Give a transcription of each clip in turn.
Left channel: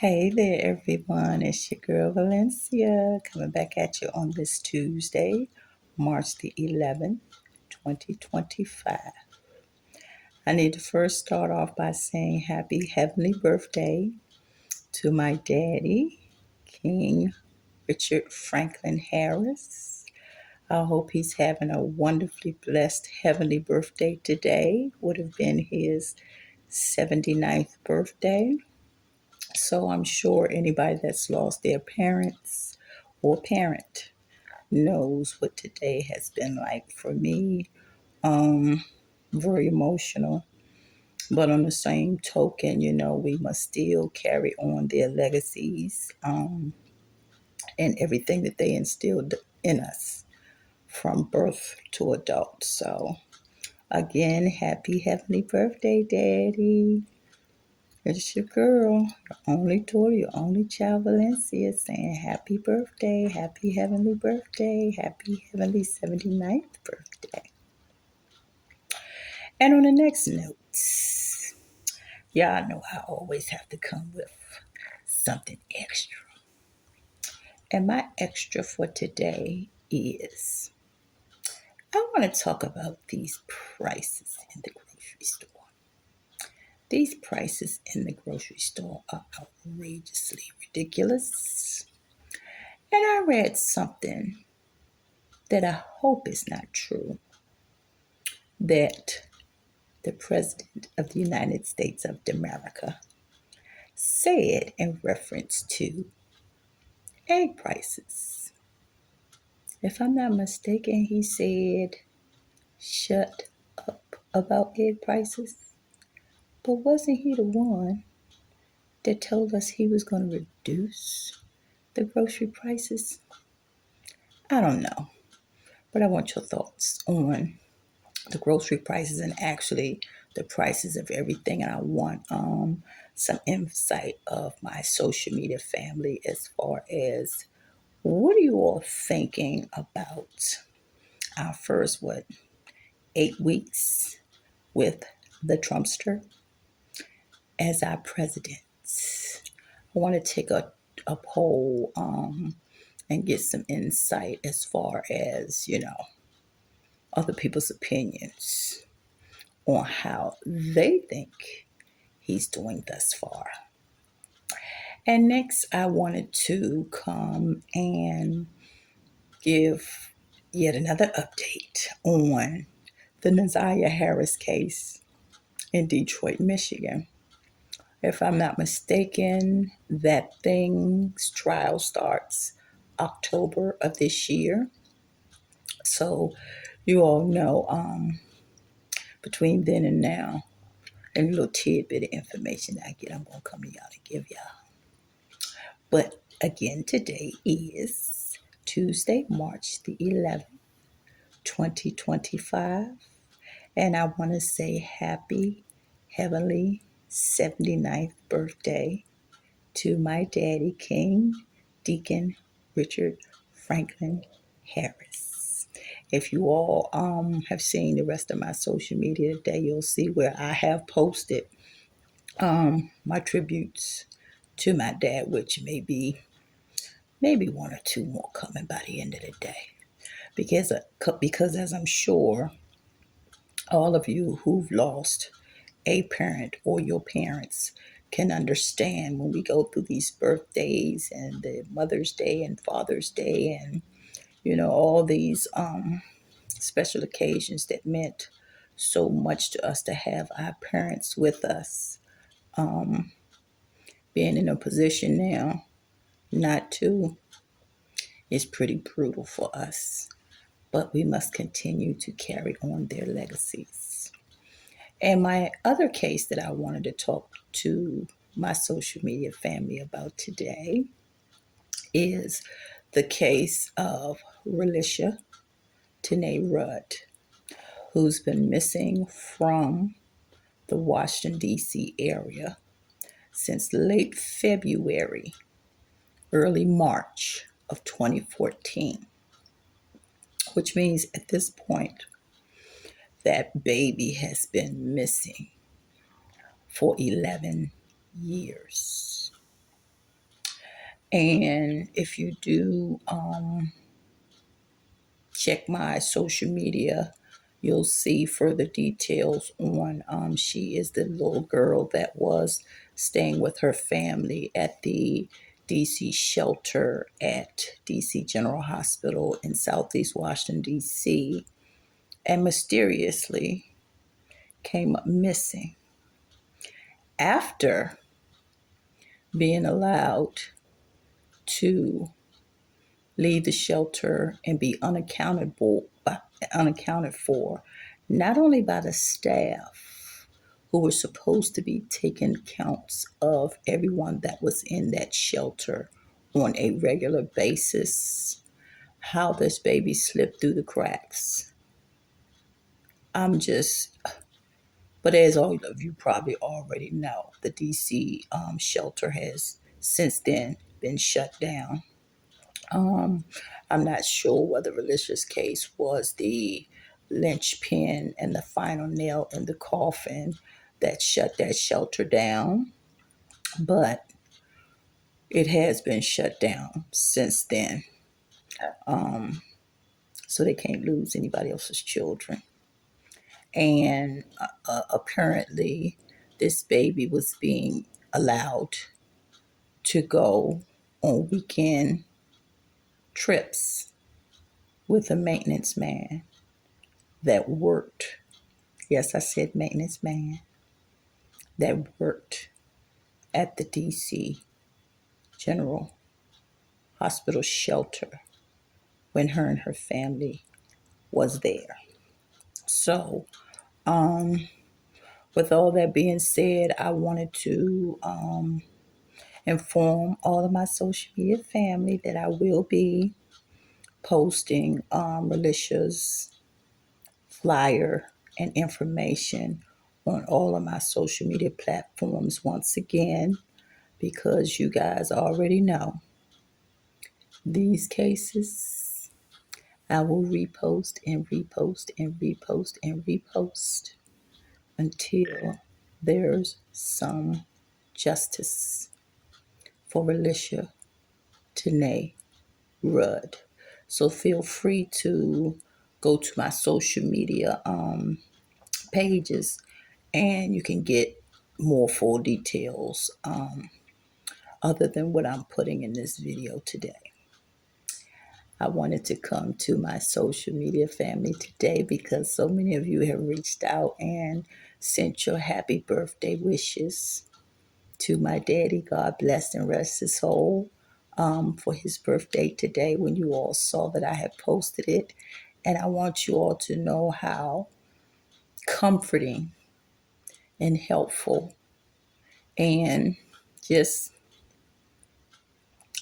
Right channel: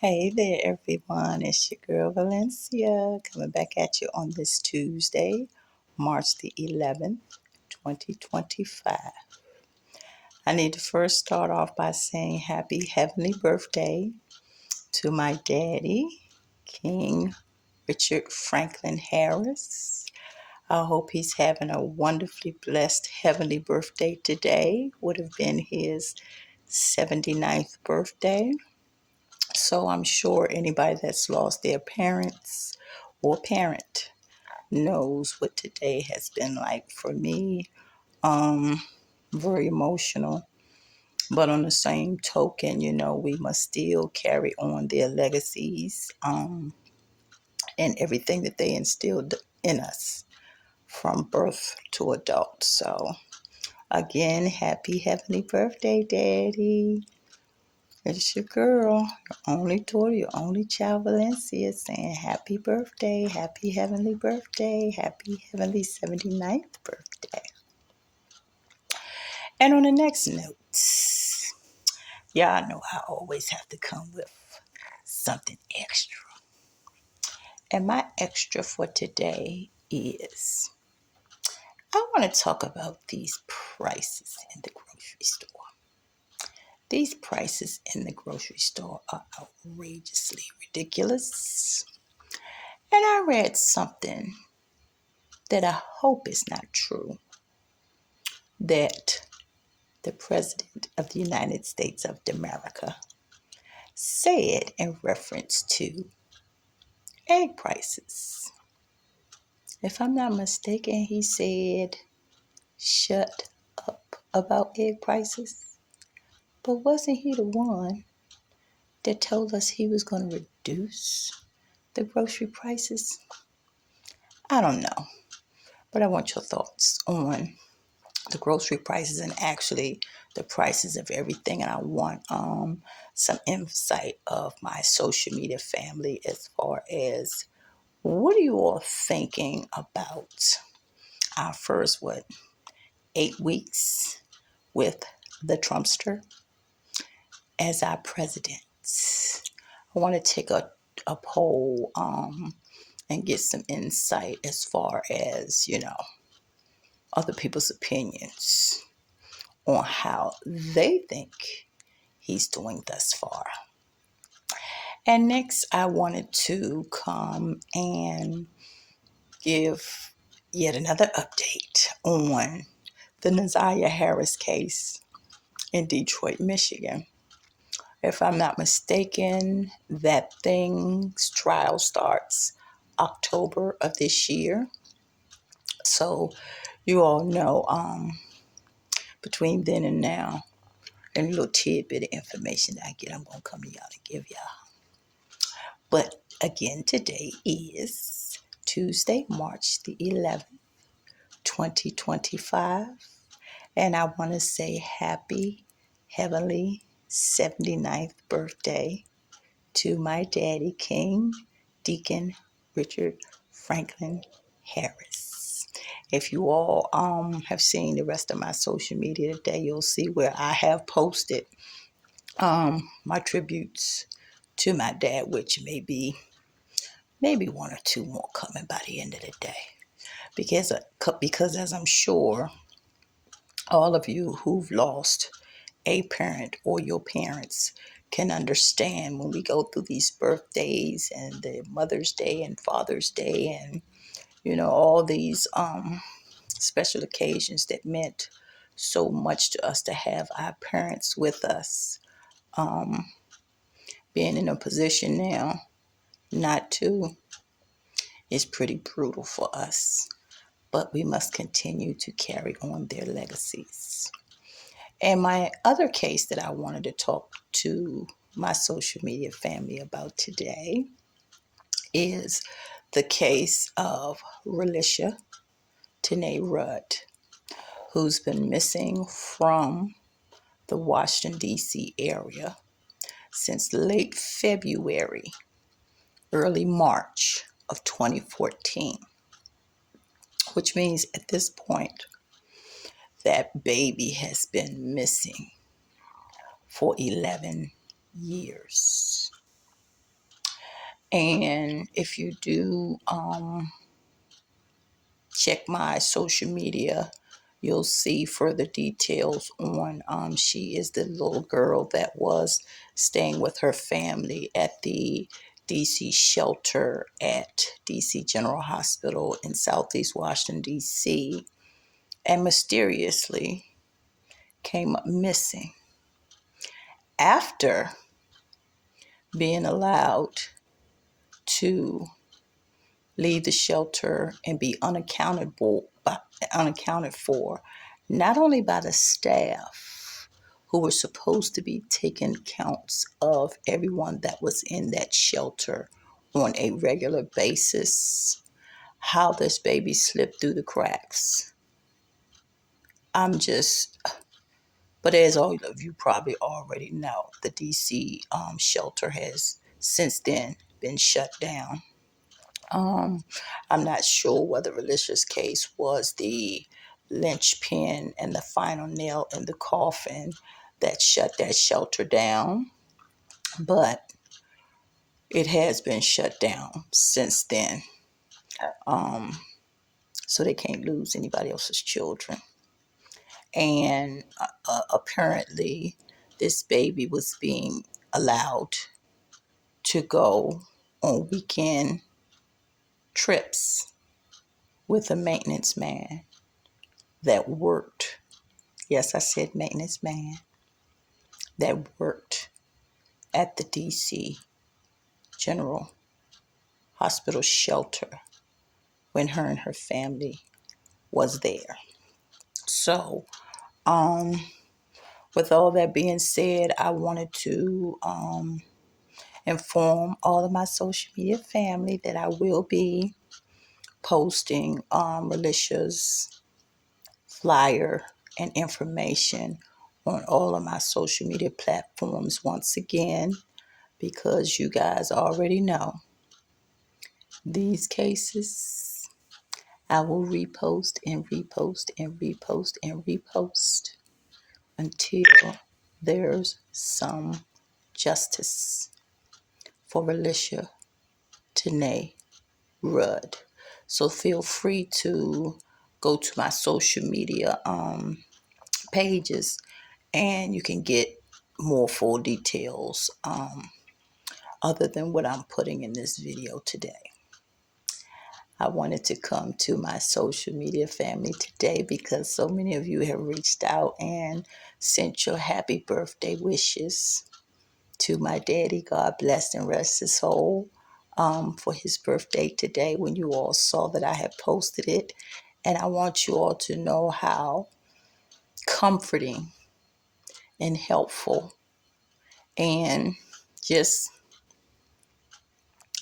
Hey there, everyone. It's your girl Valencia coming back at you on this Tuesday, March the 11th, 2025. I need to first start off by saying happy heavenly birthday to my daddy, King Richard Franklin Harris. I hope he's having a wonderfully blessed heavenly birthday today. Would have been his 79th birthday. So I'm sure anybody that's lost their parents or parent knows what today has been like for me. Um, Very emotional. But on the same token, we must still carry on their legacies and everything that they instilled in us from birth to adult. So again, happy heavenly birthday, Daddy. It's your girl, your only daughter, your only child, Valencia, saying happy birthday, happy heavenly birthday, happy heavenly 79th birthday. And on the next note, y'all know I always have to come with something extra. And my extra for today is I want to talk about these prices in the grocery store. These prices in the grocery store are outrageously ridiculous. And I read something that I hope is not true, that the President of the United States of America said in reference to egg prices. If I'm not mistaken, he said, shut up about egg prices. But wasn't he the one that told us he was going to reduce the grocery prices? I don't know, but I want your thoughts on the grocery prices and actually the prices of everything. And I want some insight of my social media family as far as what are you all thinking about our first 8 weeks with the Trumpster as our president. I want to take a poll and get some insight as far as other people's opinions on how they think he's doing thus far. And next, I wanted to come and give yet another update on the Naziah Harris case in Detroit, Michigan. If I'm not mistaken, that thing's trial starts October of this year. So you all know between then and now, and a little tidbit of information that I get, I'm going to come to y'all and give y'all. But again, today is Tuesday, March the 11th, 2025. And I want to say happy heavenly 79th birthday to my daddy, King Deacon Richard Franklin Harris. If you all have seen the rest of my social media today, you'll see where I have posted my tributes to my dad, which may be maybe one or two more coming by the end of the day. Because as I'm sure all of you who've lost a parent or your parents can understand when we go through these birthdays and the Mother's Day and Father's Day and all these special occasions that meant so much to us to have our parents with us. Being in a position now not to is pretty brutal for us, but we must continue to carry on their legacies. And my other case that I wanted to talk to my social media family about today is the case of Relisha Tanae Rudd, who's been missing from the Washington, D.C. area since late February, early March of 2014, which means at this point that baby has been missing for 11 years. And if you do check my social media, you'll see further details on she is the little girl that was staying with her family at the DC shelter at DC General Hospital in Southeast Washington, DC, and mysteriously came up missing after being allowed to leave the shelter and be unaccounted for, not only by the staff who were supposed to be taking counts of everyone that was in that shelter on a regular basis, how this baby slipped through the cracks. But as all of you probably already know, the DC shelter has since then been shut down. I'm not sure whether Relisha's case was the linchpin and the final nail in the coffin that shut that shelter down, but it has been shut down since then. So they can't lose anybody else's children. And apparently, this baby was being allowed to go on weekend trips with a maintenance man that worked. Yes, I said maintenance man that worked at the DC General Hospital shelter when her and her family was there. So, with all that being said, I wanted to inform all of my social media family that I will be posting Relisha's flyer and information on all of my social media platforms once again, because you guys already know these cases I will repost and repost and repost and repost until there's some justice for Relisha Tanae Rudd. So feel free to go to my social media pages and you can get more full details other than what I'm putting in this video today. I wanted to come to my social media family today because so many of you have reached out and sent your happy birthday wishes to my daddy. God bless and rest his soul for his birthday today when you all saw that I had posted it. And I want you all to know how comforting and helpful and just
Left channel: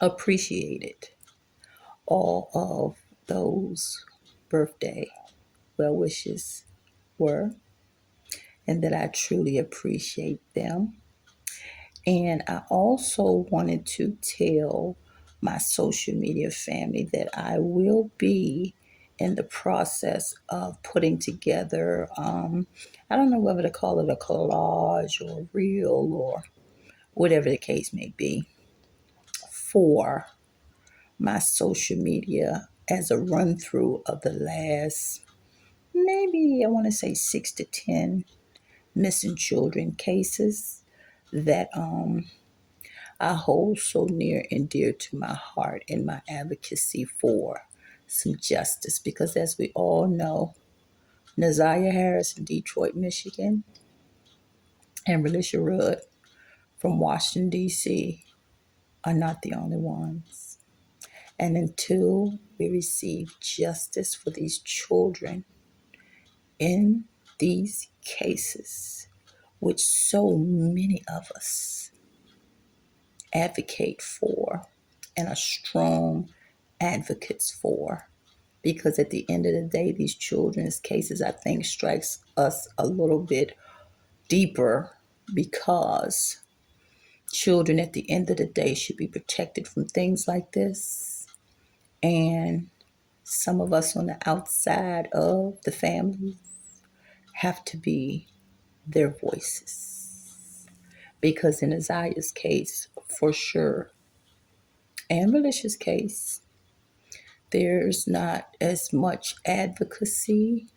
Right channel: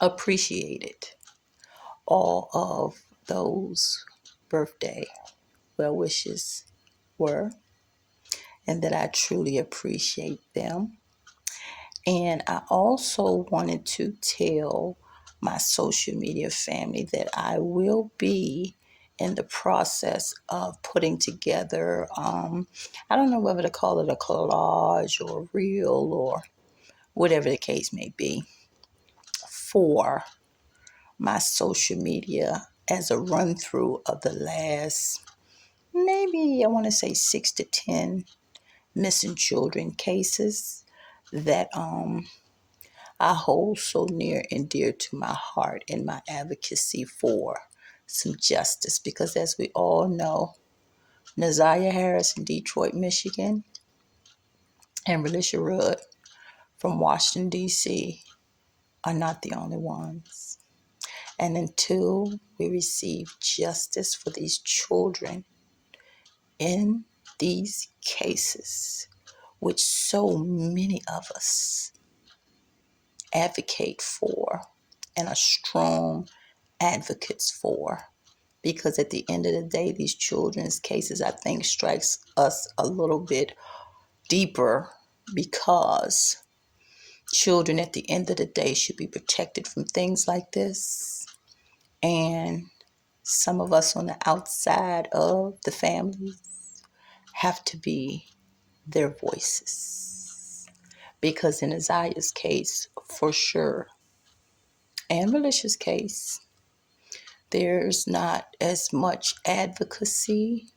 appreciated all of those birthday well wishes were, and that I truly appreciate them. And I also wanted to tell my social media family that I will be in the process of putting together, I don't know whether to call it a collage or a reel or whatever the case may be, for my social media as a run through of the last, maybe I want to say 6 to 10 missing children cases that I hold so near and dear to my heart in my advocacy for some justice. Because as we all know, Nazaria Harris in Detroit, Michigan, and Relisha Rudd from Washington, D.C. are not the only ones. And until we receive justice for these children in these cases, which so many of us advocate for and are strong advocates for, because at the end of the day, these children's cases, I think, strikes us a little bit deeper, because children at the end of the day should be protected from things like this. And some of us on the outside of the families have to be their voices. Because in Isaiah's case, for sure, and Relisha's case, there's not as much advocacy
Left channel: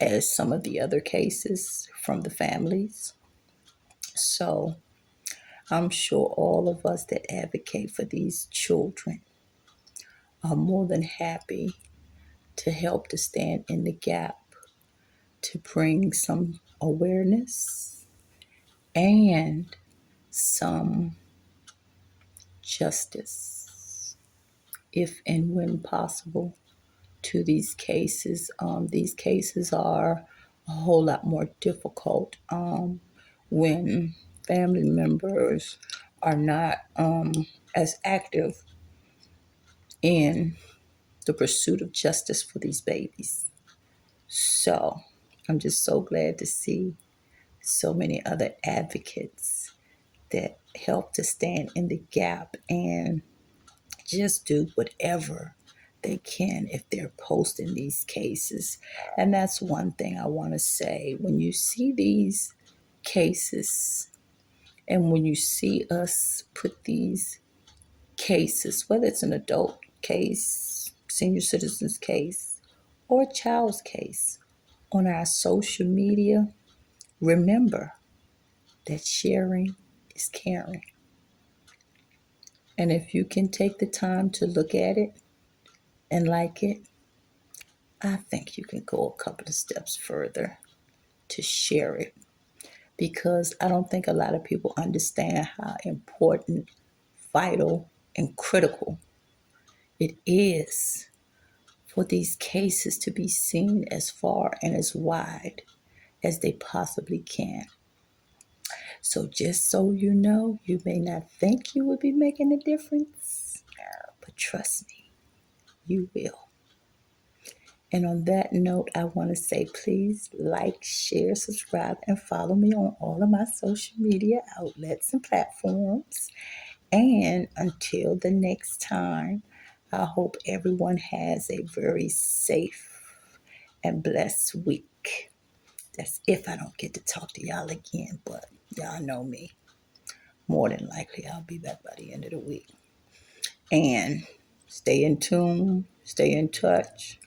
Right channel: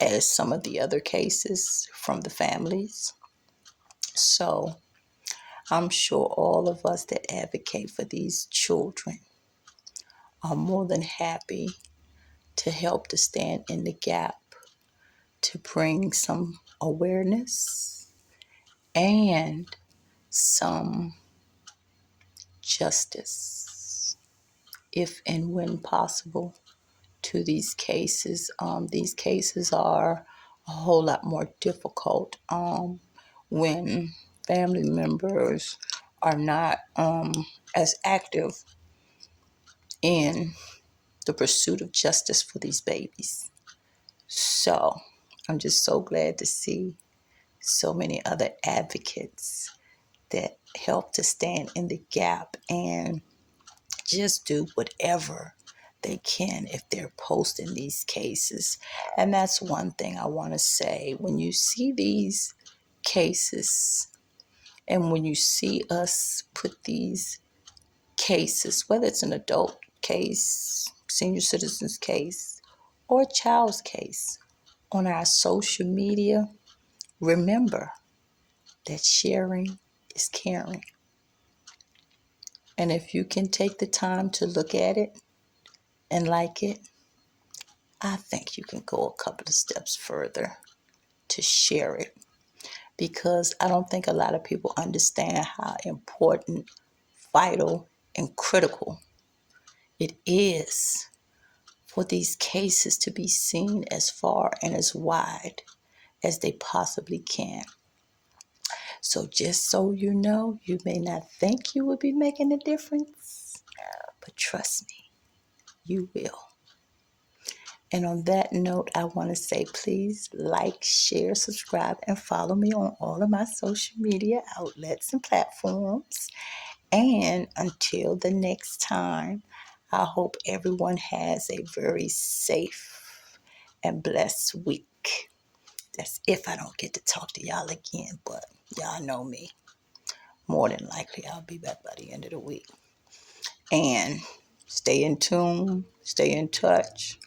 as some of the other cases from the families. So I'm sure all of us that advocate for these children are more than happy to help to stand in the gap to bring some awareness and some justice, if and when possible, to these cases. These cases are a whole lot more difficult when family members are not as active in the pursuit of justice for these babies. So I'm just so glad to see so many other advocates that help to stand in the gap and just do whatever they can if they're posting these cases. And that's one thing I want to say. When you see these cases and when you see us put these cases, whether it's an adult case, senior citizens case, or a child's case on our social media, remember that sharing is caring. And if you can take the time to look at it and like it, I think you can go a couple of steps further to share it, because I don't think a lot of people understand how important, vital, and critical it is for these cases to be seen as far and as wide as they possibly can. So just so you know, you may not think you will be making a difference, but trust me, you will. And on that note, I want to say please like, share, subscribe, and follow me on all of my social media outlets and platforms. And until the next time, I hope everyone has a very safe and blessed week. That's if I don't get to talk to y'all again, but y'all know me. More than likely, I'll be back by the end of the week. And stay in tune, stay in touch.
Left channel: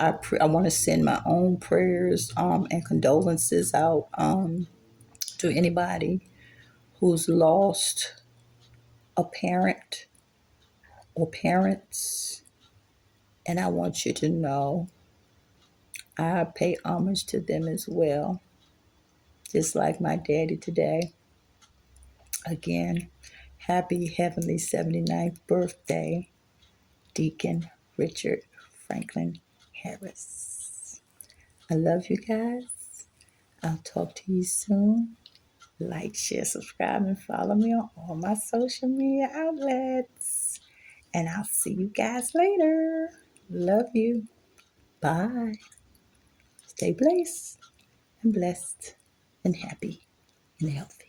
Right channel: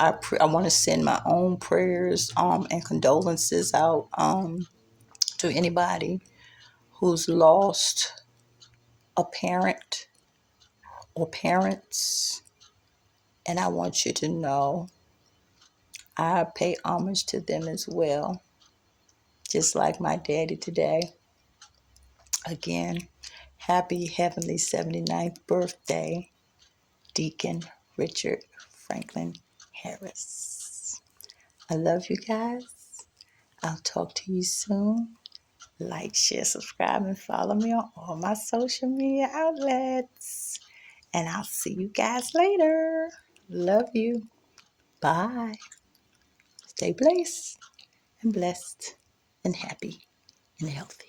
I want to send my own prayers and condolences out to anybody who's lost a parent or parents. And I want you to know I pay homage to them as well, just like my daddy today. Again, happy heavenly 79th birthday, Deacon Richard Franklin Harris. I love you guys. I'll talk to you soon. Like, share, subscribe, and follow me on all my social media outlets. And I'll see you guys later. Love you. Bye. Stay blessed and happy and healthy.